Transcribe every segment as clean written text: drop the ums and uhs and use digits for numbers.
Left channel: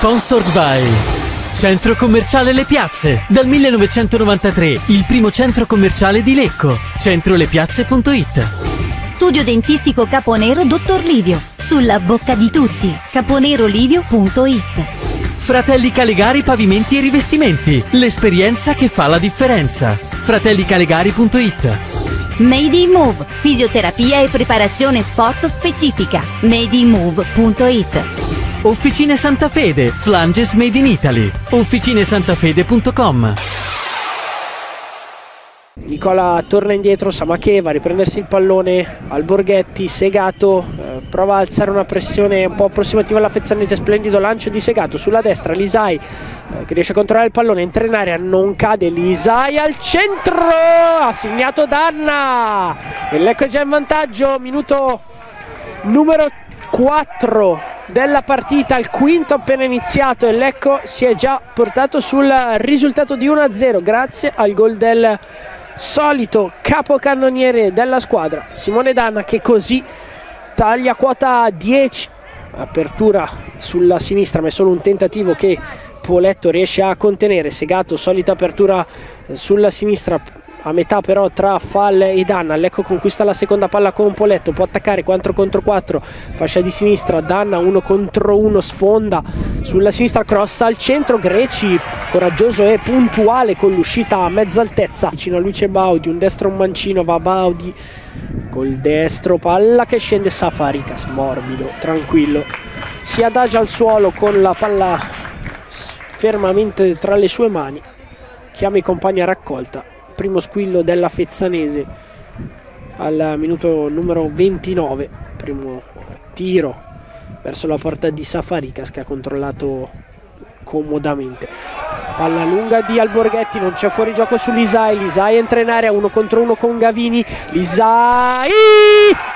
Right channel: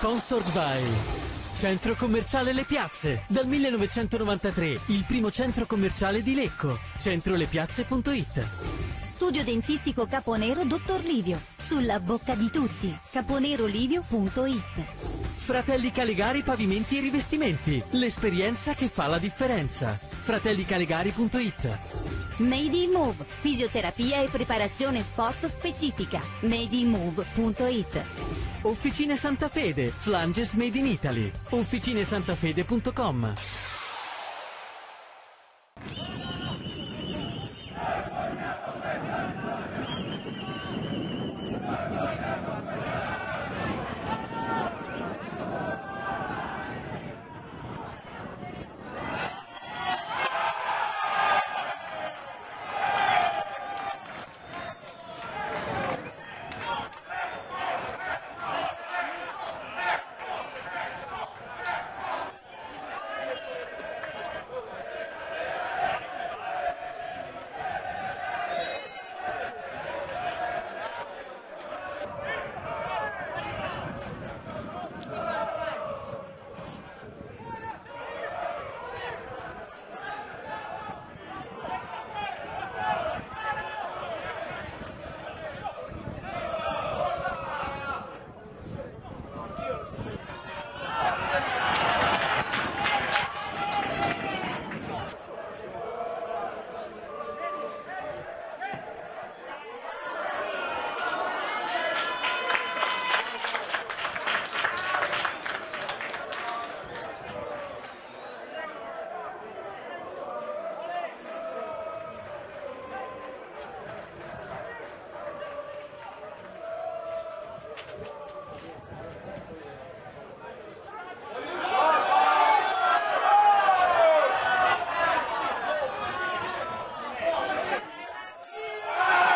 Sponsored by Centro Commerciale Le Piazze. Dal 1993, il primo centro commerciale di Lecco. Centrolepiazze.it. Studio dentistico Caponero Dottor Livio. Sulla bocca di tutti. caponerolivio.it. Fratelli Calegari Pavimenti e Rivestimenti. L'esperienza che fa la differenza. fratellicalegari.it. Made in Move. Fisioterapia e preparazione sport specifica. madeinmove.it. Officine Santa Fede, Flanges Made in Italy. officinesantafede.com. Nicola torna indietro, Samacché va a riprendersi il pallone, Alborghetti, Segato, prova a alzare una pressione un po' approssimativa alla Fezzanese, splendido lancio di Segato sulla destra, Lisai che riesce a controllare il pallone, entra in area, non cade, Lisai al centro, ha segnato Danna e Lecco è già in vantaggio, minuto numero 4 della partita, il quinto appena iniziato e Lecco si è già portato sul risultato di 1-0 grazie al gol del solito capocannoniere della squadra Simone Danna, che così taglia quota 10. Apertura sulla sinistra ma è solo un tentativo che Poletto riesce a contenere. Segato, solita apertura sulla sinistra a metà però tra Fall e Danna. Lecco conquista la seconda palla con Poletto, può attaccare 4 contro 4, fascia di sinistra, Danna 1 contro 1, sfonda sulla sinistra, cross al centro, Greci coraggioso e puntuale con l'uscita a mezza altezza, vicino a lui c'è Baudi, un destro un mancino, va Baudi col destro, palla che scende, Safarikas morbido, tranquillo, si adagia al suolo con la palla fermamente tra le sue mani, chiama i compagni a raccolta. Primo squillo della Fezzanese al minuto numero 29, primo tiro verso la porta di Safarikas che ha controllato comodamente, palla lunga di Alborghetti, non c'è fuorigioco su Lisai, Lisai entra in area 1 contro 1 con Gavini, Lisai,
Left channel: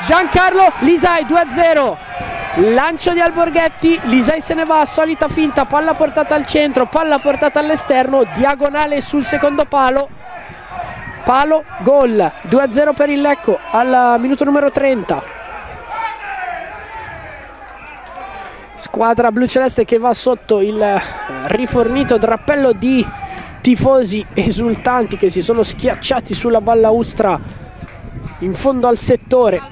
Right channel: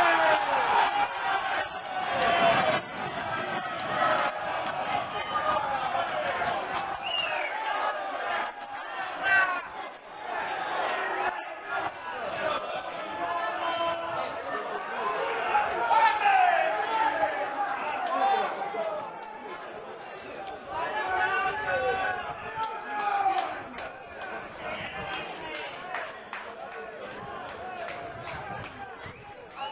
Giancarlo, Lisai 2-0, lancio di Alborghetti, Lisai se ne va, solita finta, palla portata al centro, palla portata all'esterno, diagonale sul secondo palo, gol, 2-0 per il Lecco al minuto numero 30. Squadra bluceleste che va sotto il rifornito drappello di tifosi esultanti che si sono schiacciati sulla balaustra in fondo al settore.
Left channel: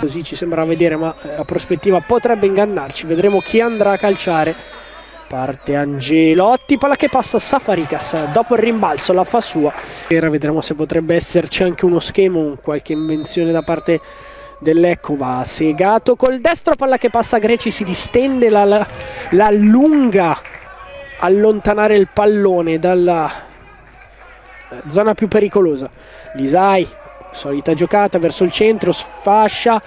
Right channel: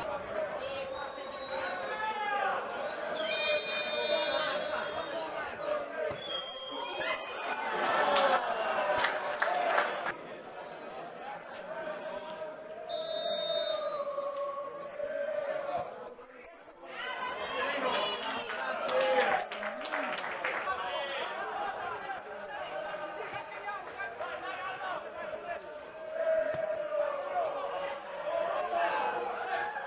Così ci sembra vedere, ma la prospettiva potrebbe ingannarci, vedremo chi andrà a calciare. Parte Angelotti, palla che passa Safarikas, dopo il rimbalzo la fa sua. Vedremo se potrebbe esserci anche uno schema, qualche invenzione da parte dell'Ecco. Va Segato col destro, palla che passa Greci, si distende, la lunga allontanare il pallone dalla zona più pericolosa. Lisai, solita giocata verso il centro, sfascia,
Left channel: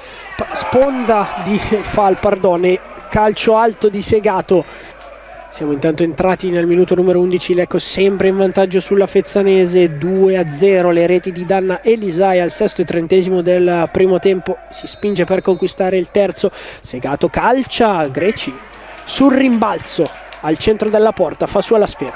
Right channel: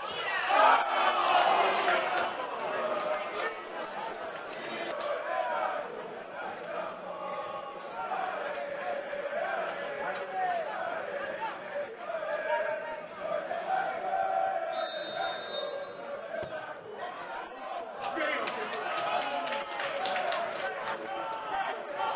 sponda di Fall, pardone, calcio alto di Segato. Siamo intanto entrati nel minuto numero 11, Lecco sempre in vantaggio sulla Fezzanese, 2-0, le reti di Danna e Lisai al sesto e trentesimo del primo tempo, si spinge per conquistare il terzo, Segato calcia, Greci sul rimbalzo al centro della porta, fa sua la sfera.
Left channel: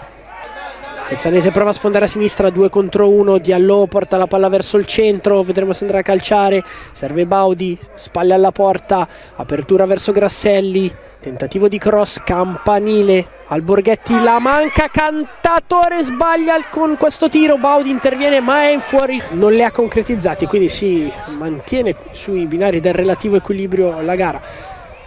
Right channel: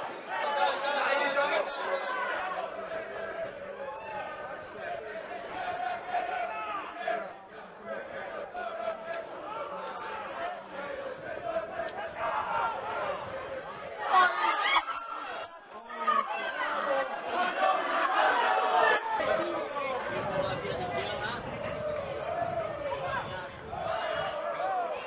Fezzanese prova a sfondare a sinistra, 2 contro 1, Diallo porta la palla verso il centro, vedremo se andrà a calciare, serve Baudi, spalle alla porta, apertura verso Grasselli, tentativo di cross, campanile, Alborghetti la manca, Cantatore sbaglia con questo tiro, Baudi interviene ma è in fuori, non le ha concretizzati, quindi si mantiene sui binari del relativo equilibrio la gara.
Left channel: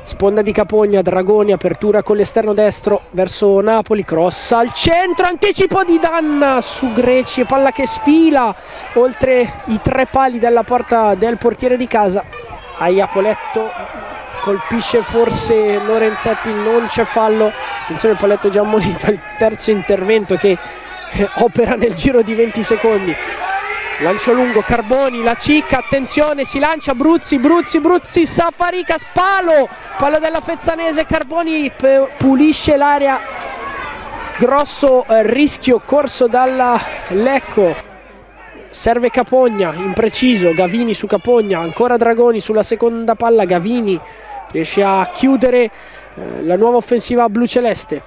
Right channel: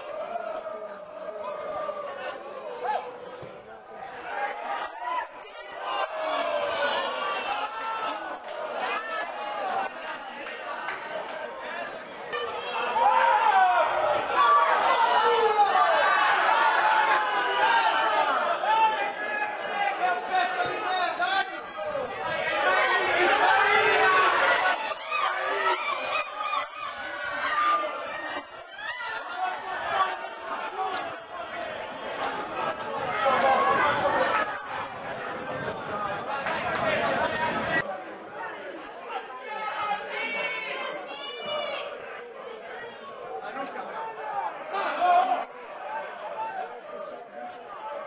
Sponda di Capogna, Dragoni, apertura con l'esterno destro verso Napoli, cross al centro, anticipo di Danna su Greci, palla che sfila oltre i 3 pali della porta del portiere di casa. Poletto colpisce forse Lorenzetti, non c'è fallo, attenzione, Poletto già ammonito al terzo intervento che opera nel giro di 20 secondi. Lancio lungo, Carboni, la cicca, attenzione, si lancia Bruzzi, Safarikas, palo della Fezzanese, Carboni pulisce l'area, grosso rischio corso dalla Lecco, serve Capogna, impreciso, Gavini su Capogna, ancora Dragoni sulla seconda palla, Gavini riesce a chiudere la nuova offensiva bluceleste,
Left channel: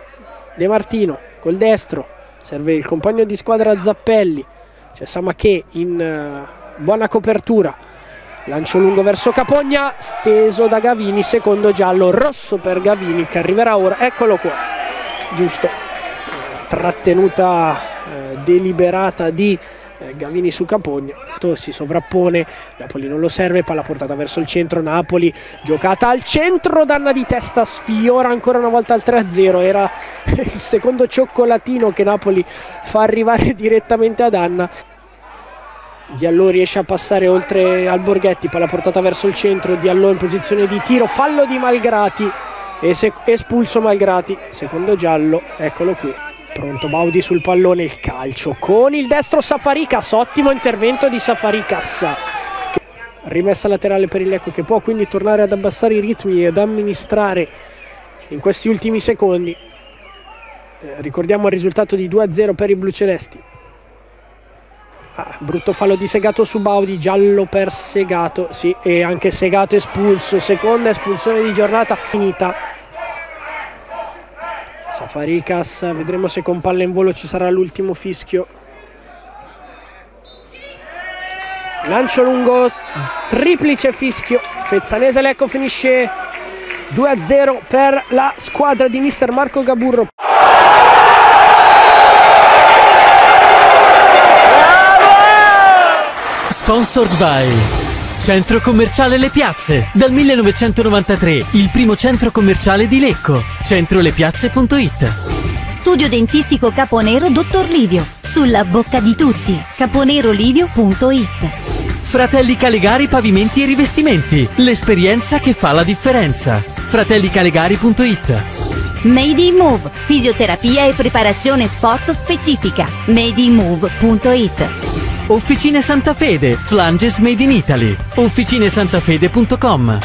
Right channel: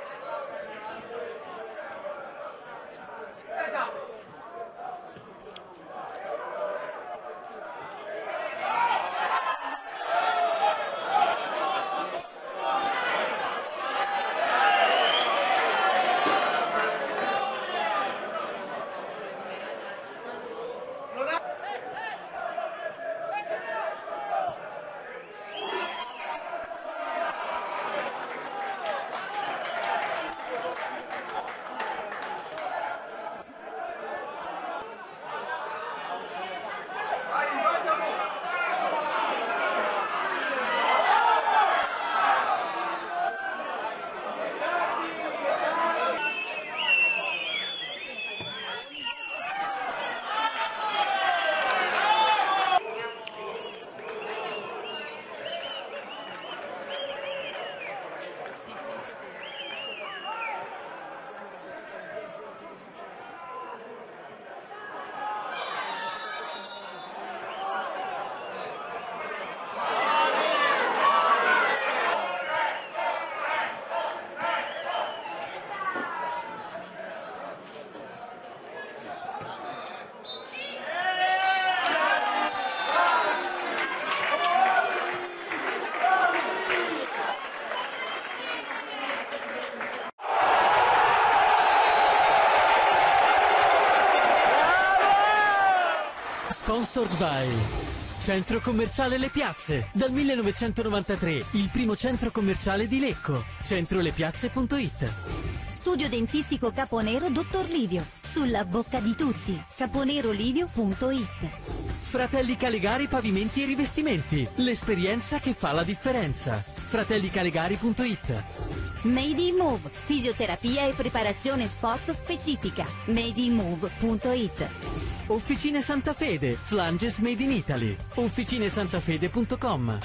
De Martino col destro, serve il compagno di squadra Zappelli, c'è Samacché in buona copertura, lancio lungo verso Capogna, steso da Gavini, secondo giallo rosso per Gavini che arriverà ora, eccolo qua. giusto, trattenuta deliberata di Gavini su Capogna, si sovrappone, Napoli non lo serve, palla portata verso il centro, Napoli giocata al centro, danna di testa, sfiora ancora una volta al 3-0, era il secondo cioccolatino che Napoli fa arrivare direttamente a Danna. Diallo riesce a passare oltre al Borghetti, palla portata verso il centro, Diallo in posizione di tiro, fallo di Malgrati e espulso Malgrati, secondo giallo, eccolo qui. Pronto Baudi sul pallone, il calcio con il destro Safarikas, ottimo intervento di Safarikas. Rimessa laterale per il Lecco, che può quindi tornare ad abbassare i ritmi ed amministrare in questi ultimi secondi. Ricordiamo il risultato di 2-0 per i blucelesti. Brutto fallo di Segato su Baudi, giallo per Segato, sì, e anche Segato espulso, seconda espulsione di giornata finita. Safarikas, vedremo se con palla in volo ci sarà l'ultimo fischio. Lancio lungo, triplice fischio, Fezzanese Lecco finisce 2-0 per la squadra di mister Marco Gaburro. Sponsored by Centro Commerciale Le Piazze, dal 1993, il primo centro commerciale di Lecco. Centrolepiazze.it. Studio dentistico Caponero Dottor Livio, sulla bocca di tutti. caponerolivio.it. Fratelli Calegari Pavimenti e Rivestimenti, l'esperienza che fa la differenza. fratellicalegari.it. Made in Move, fisioterapia e preparazione sport specifica. madeinmove.it. Officine Santa Fede, flanges made in Italy. officinesantafede.com.